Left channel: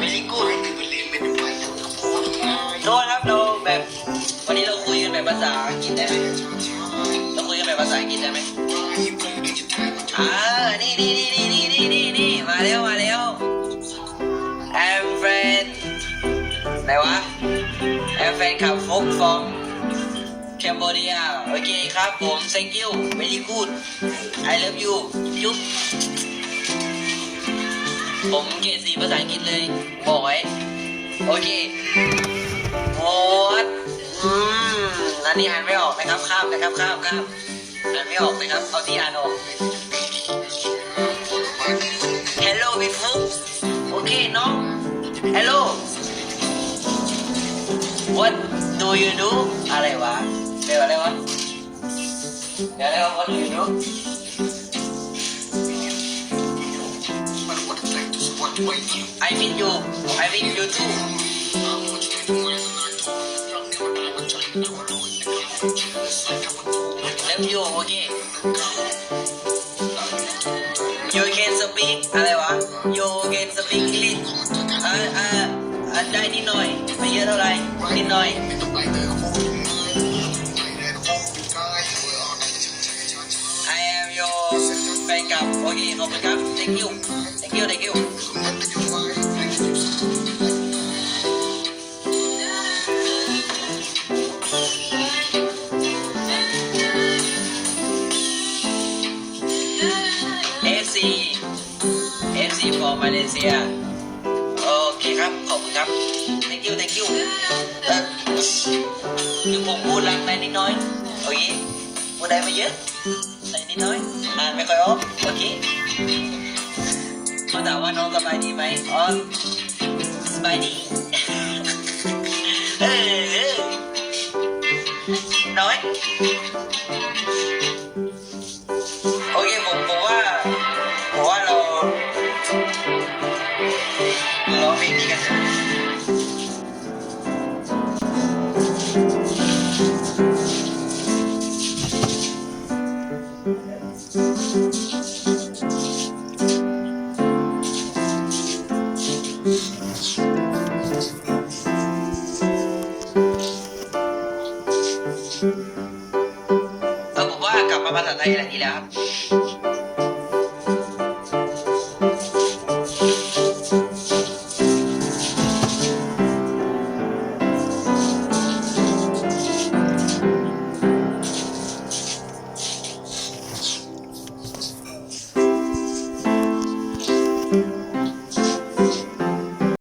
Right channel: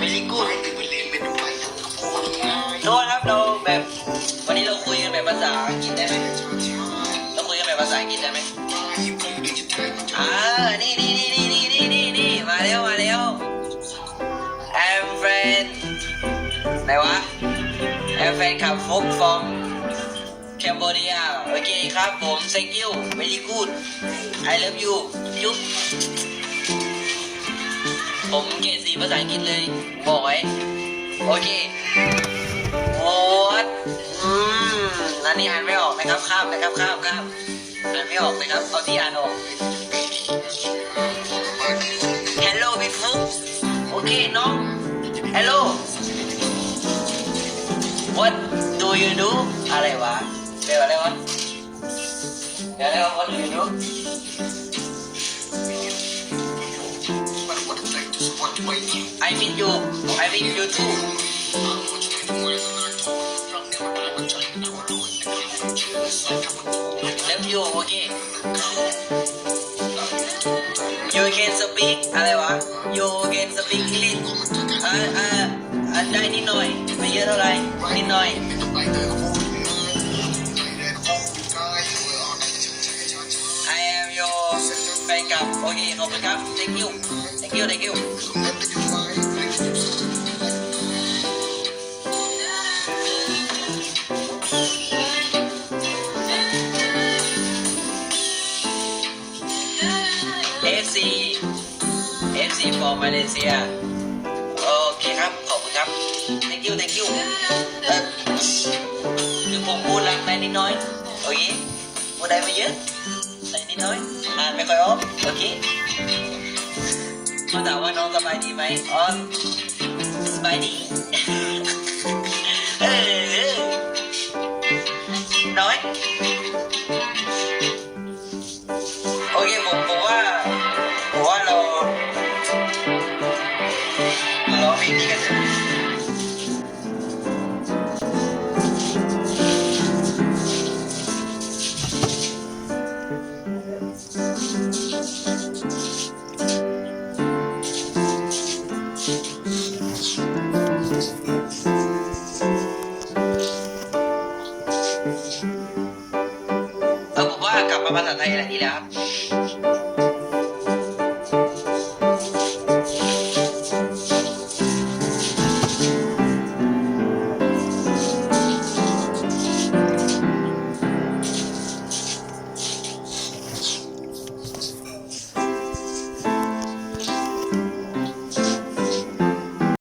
very good โทษครับเราแบบวันนี้เราคุยกันแบบภาษาอังกฤษได้ไหมเราคุยกันแบบภาษาอังกฤษได้ไหมอ่านี่นี่นี่นี่นี่นี่นี่นี่มาแล้วมาแล้ว I'm friend ไหนวะ I'm friend ขับฟุก from Cambodia โอเคครับผม thank you very good I love you จุ๊บผมเกรดสีภาษาอังกฤษเลย บอกไว้ โอเคโอ๊ตอืมอันนี้อ่านไม่ออกนะครับข้ามนะครับข้ามข้ามอ่านไม่ออกนะครับ เอาที่อ่านออก Hello พี่ฟุกโอเคน้อง Hello What do you do อะไรวะ Leva, leva. Ya leva por el libro. I mean you. I mean you too. Love you, okay. You can speak อะไรวะ You can speak English อ่าอ่าได้นิดหน่อย ไม่เยอะเท่าไหร่นิดหน่อย คลับโอเคขอบคุณครับ thank you thank you thank you เอฟซีเอฟซี for Malaysia โอเคครับ ขอบคุณครับ thank you thank you เอ่อคือผมพูดรักได้นิดน้อย โอเคพูดได้ไม่เยอะ ได้นิดน้อยอ่านไม่ค่อยออกโอเคเขาถามว่าน้องสบายดีไหมอ๋อสบายดีเออน้อยโอเคผมผมว่าผมว่าเรามาร้องเพลงนี้กันเถอะ เออผมว่ากลับมาภาษาไทยอะไรดีแล้วครับ